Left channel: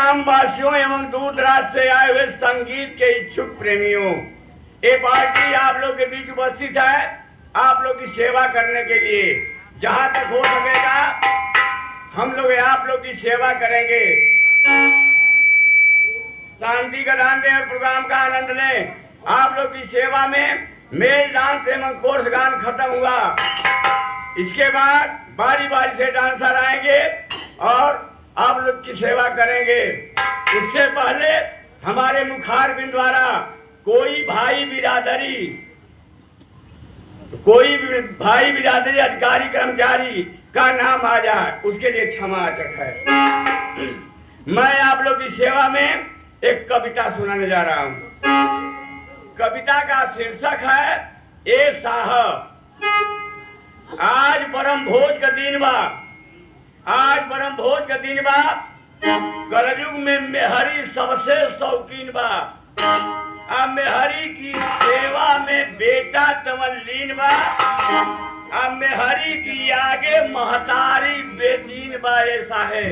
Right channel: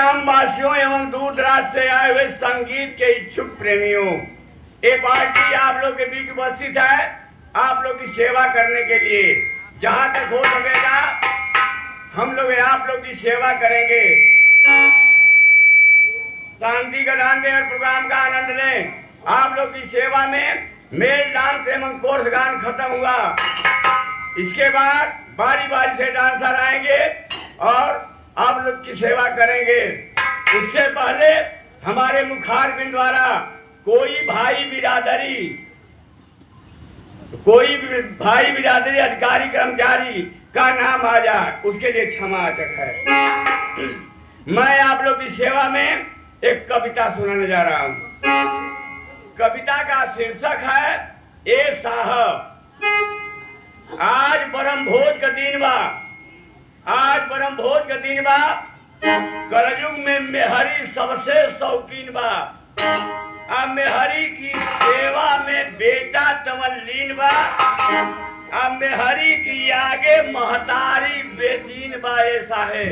ग्रामवासियों एवं दूर दराज से आए हुए संगीत के इच्छुक प्रेमियों, ये पार्टी आप लोग के बीच उपस्थित है आप लोग की सेवा करने के लिए। जहां तक हो सकेगा हम लोग आप लोग की सेवा करेंगे। शांति का दान दें और प्रोग्राम का आनंद लें। आप लोग की सेवा में मेल डांस एवं कोर्स गान खत्म हुआ। इसके बाद बारी बारी से डांसर आएंगे और आप लोग की सेवा करेंगे। इससे पहले हमारे मुखारबिंद द्वारा कोई भाई बिरादरी अधिकारी कर्मचारी का नाम आ जाए, उसके लिए क्षमा है। मैं आप लोग की सेवा में एक कविता सुनाने जा रहा हूँ। कविता का शीर्षक है ए साहब। आज परम भोज का दिन बा, आज परम भोज का दिन बा। कलयुग में मेहरी सबसे शौकीन बा। अब मेहरी की सेवा में बेटा तमल्लीन बा। अब मेहरी की आगे महतारी बेदीन बा। ऐसा है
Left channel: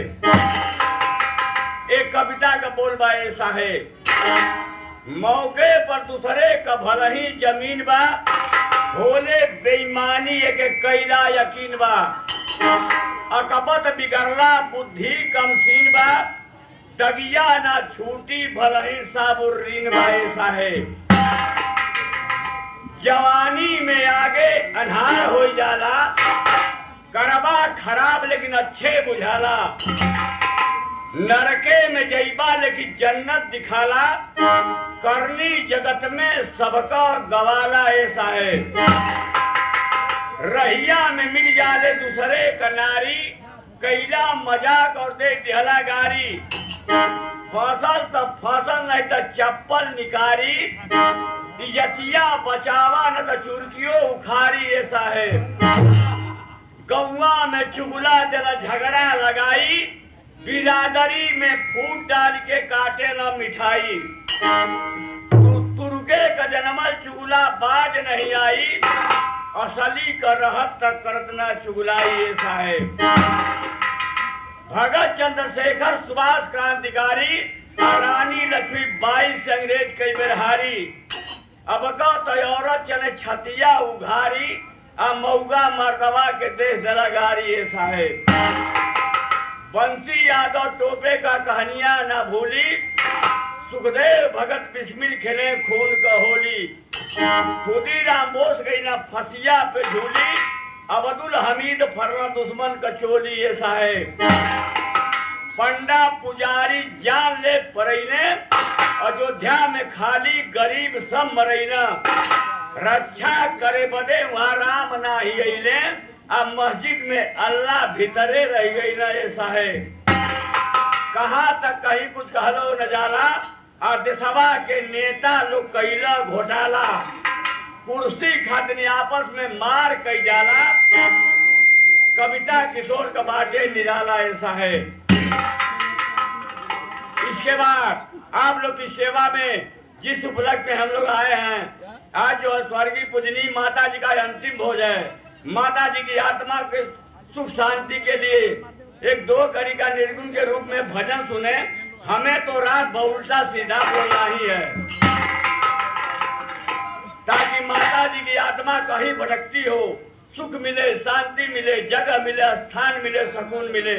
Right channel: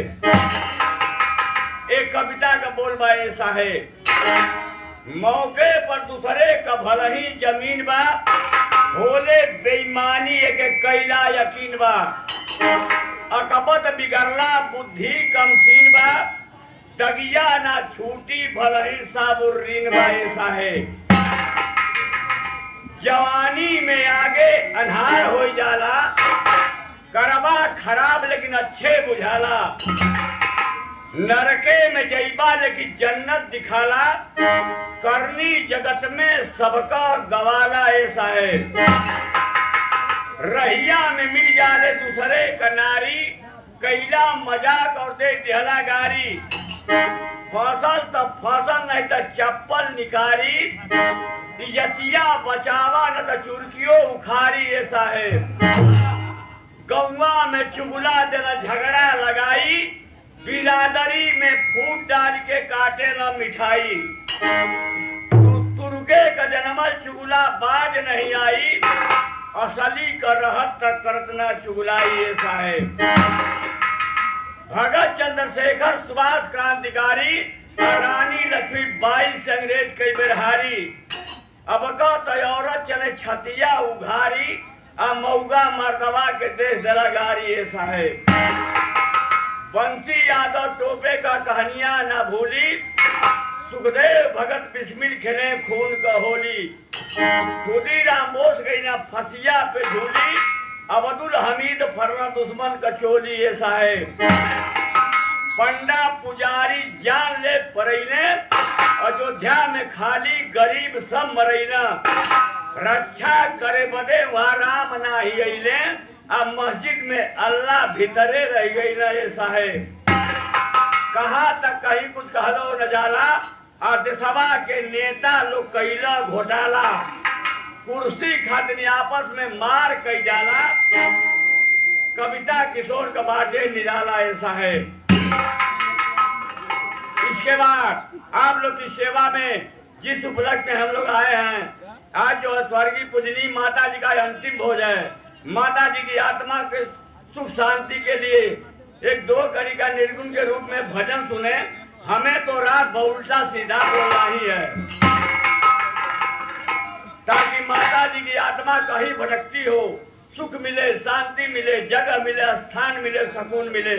एक कविता का बोल बा। ऐसा है मौके पर दूसरे का भला ही जमीन बा। भोले बेईमानी एक कैला यकीन बा। अकबत बिगड़ला बुद्धि कमसीन बा। दगिया ना छूटी भलही साबुर्रीन बा। ऐसा है जवानी में आगे अन्हार हो जाला। करबा खराब लेकिन अच्छे बुझाला। नरके में जईबा लेकिन जन्नत दिखाला। करनी जगत में सबका गवाला। ऐसा है रहिया में मिल जाले दूसरे का नारी। कैला मजाक और दे दिहला गारी। फसल तब फसल नहीं तो चप्पल निकारी। इज्जतिया बचावा न तो चुरकियों उखारी। ऐसा है गौवा में चुगला देला झगड़ा लगाई। बिरादरी में फूट डाल के काटे न मिठाई। तुर्के का जन्मल चुगला बाज नहीं आई। असली का रहत तक करत न चुगलाई। ऐसा है भगत चंद्रशेखर सुभाष क्रांतिकारी और रानी लक्ष्मीबाई से अंग्रेज कई बेर हारी। अब का तो औरत चले छतिया उघारी। आ मऊगा मर्दवा के देश दलागारी। ऐसा है बंसी यादव टोपे का कहानियां ना भूली। सुखदेव भगत बिस्मिल खेले खून का होली। खुदीराम बोस गई ना फसिया पे झूली। अब्दुल हमीद फरना दुश्मन का चोली। ऐसा है पंडा पुजारी जान ले परैने। अयोध्या में खाली गरीब सब मरैना। रक्षा करे बदे वहाँ राम ना ही अइले। अब मस्जिद में अल्लाह भीतरे रह गई ना। ऐसा है कहाँ तक कहीं कुछ कहलो न जाला। और देशवा के नेता लोग कैला घोटाला। कुर्सी खातिर आपस में मार कई जाला। कविता किशोर का बाटे निराला। ऐसा है इसके बाद आप लोग की सेवा में जिस उपलक्ष्य में हम लोग आए हैं, आज जो स्वर्गीय पूजनीय माता जी का अंतिम भोज है। माता जी की आत्मा के सुख शांति के लिए एक 2 कड़ी का निर्गुण के रूप में भजन सुने। हमें तो रात उल्टा सीधा बोलना ही है ताकि माता जी की आत्मा कहीं भटकती हो सुख मिले, शांति मिले, जगह मिले, स्थान मिले, सुकून मिले।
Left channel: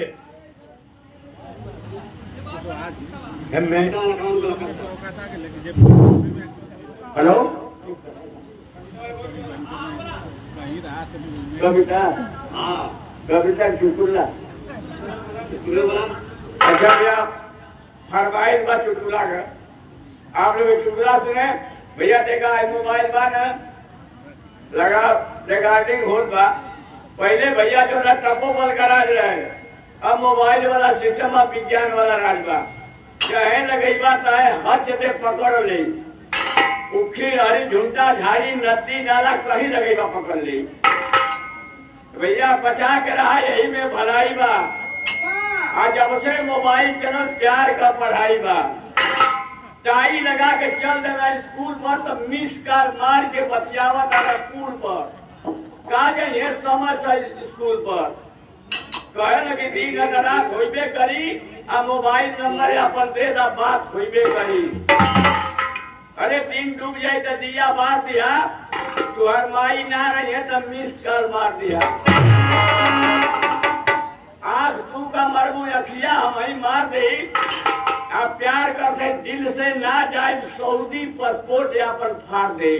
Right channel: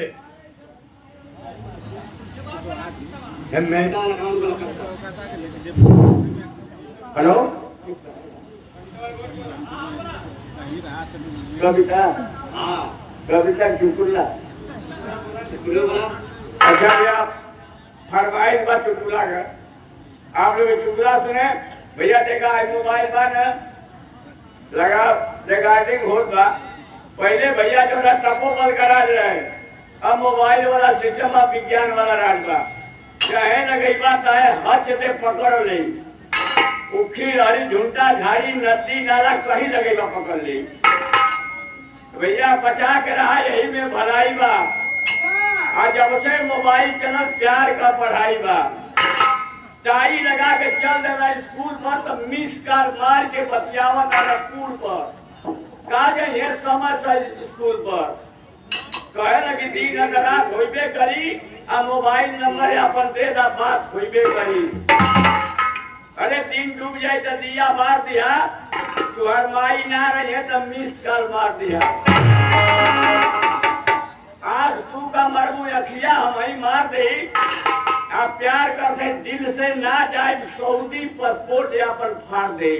हेलो कविता। हाँ कविता चुटकुला। अच्छा भैया फरमाइश बा चुटकुला का। आप लोग चुटकुला सुने भैया। देखा मोबाइल बा न लगा रिकॉर्डिंग होत बा। पहले भैया जो ना तपोबल का राज रहे। अब मोबाइल वाला सिस्टम अब विज्ञान वाला राज बा। चाहे लगई बात आए हाथ से पकड़ ले। उखी हरी झुंटा झाड़ी नदी नाला कहीं लगे बा पकड़ ले। भैया बचा के रहा यही में भलाई बा। आज जब से मोबाइल चला प्यार का पढ़ाई बा। टाई लगा के चल देना स्कूल पर तो मिस कर मार के बतियावत आ स्कूल पर। कहा जाए समय से स्कूल पर कहे ना कि दिन रात होइबे करी आ मोबाइल नंबर अपन दे दा बात होइबे करी। अरे दिन डूब जाए तो दिया मार दिया, तुहर माई ना रही है तो मिस कॉल मार दिया। आँख तू का मरबू अखिया हम ही मार दे। आप प्यार करते दिल से ना जाए सऊदी पासपोर्ट या पर फाड़ दे।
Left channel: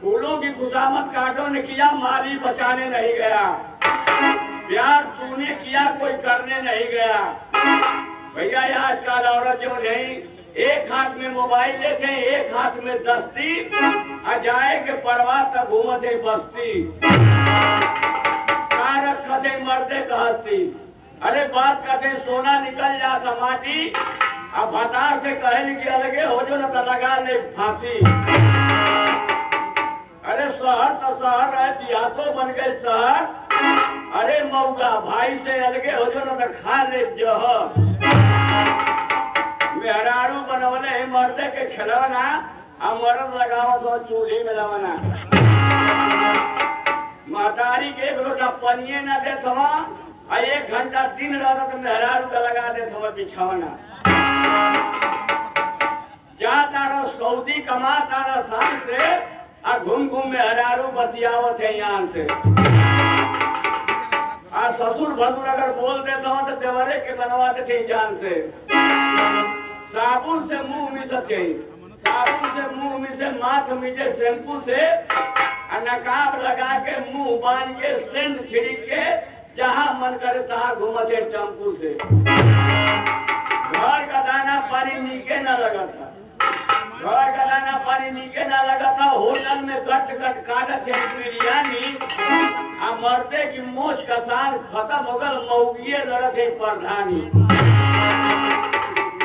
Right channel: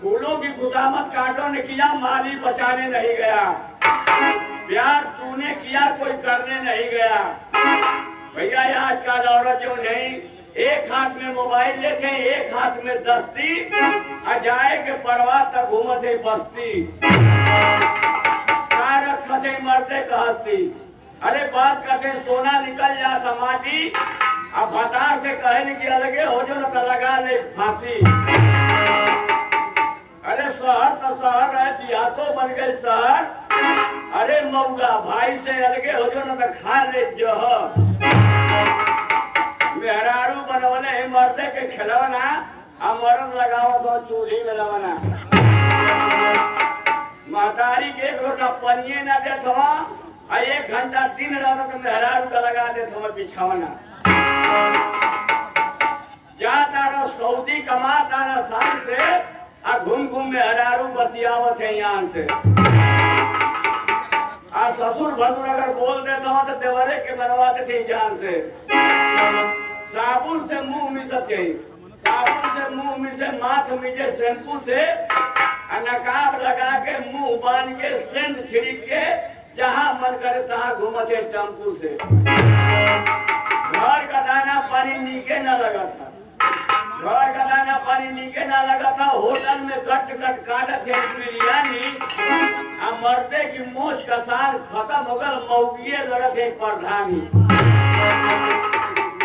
फूलों की खुदामत कांटों ने किया, माली बचाने नहीं गया। प्यार तूने किया, कोई करने नहीं गया। भैया आज का औरत जो नहीं, एक हाथ में मोबाइल लेते हैं, एक हाथ में दस्ती, आ जाए के परवाह तक घूमत है बस्ती। रखे मरते कहती, अरे बात कहते सोना निकल जाता माटी, अब भतार से कहे कि अलगे हो जो न तो लगा ले फांसी। अरे शहर तो शहर रह दिया तो बन गए शहर, अरे मऊगा भाई से अलगे हो जो न तो खा ले जहर। मेहरारू बनवले मर्दे के खिलौना, मरद लगाओ तो चूल्ही में लवना। महतारी के एक लोटा पनिए न दे थवा, 1 घंटा दिन रहता तो मेहरारू का लगा दे थवा बिछौना। जा तारा सऊदी कमा तारा शान से, आ घूम घूम मेहरारू बतियावत है यान से। आ ससुर भसुर अगर बोल देता हूँ तो देवरे के बनवाते थे जान से। साबुन से मुंह मिसते, साबुन से मुंह मिसे, माथ मिजे शैम्पू से, नकाब लगा के मुंह बांध के सेंट छिड़क के जहां मन करे तहां घूमते टेम्पू से। घर का दाना पानी नीके न लगा था, घर का दाना पानी नीके न लगा था। होटल में गट गट काटत है बिरयानी, आ मरते की मोच का साल खत्म हो गल, मऊगिए लड़त है प्रधानी।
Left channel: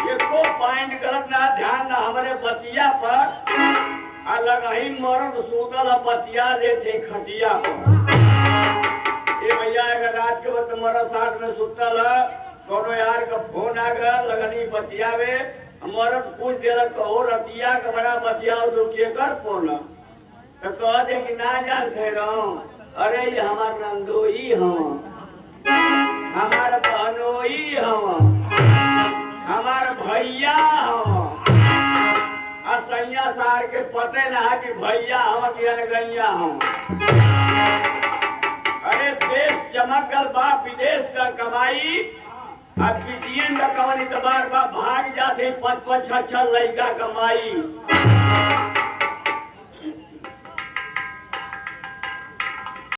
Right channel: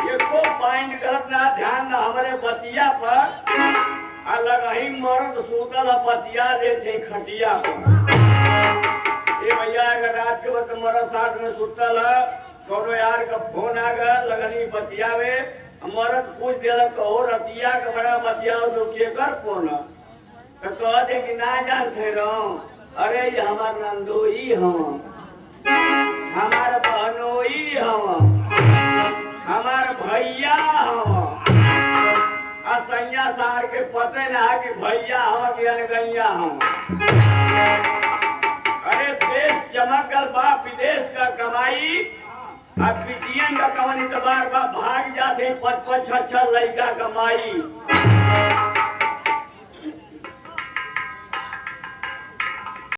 ये को पॉइंट गलत ना, ध्यान ना हमारे बतिया पर। अलग ही मर्द सूतल पतिया लेते खटिया पर। ये भैया अगर रात के वक्त मर्द साथ में सुतल है, कोनो यार का फोन आ गया, लगनी बतियावे, मर्द पूछ दिया कहो रतिया का बड़ा बतियाओ तो के कर फोन, तो कह दे कि ना जानते रहो, अरे ये हमार नंदोई हम, हमार बहनोई हम, हमार भैया हम। सैया सार के पते ना कि भैया हम कि अनगैया हम। अरे देश चमक गल बा विदेश का कमाई, अब पीटीएम का कमाई तबार बा, भाग जाते 5-5 6-6 लड़का कमाई।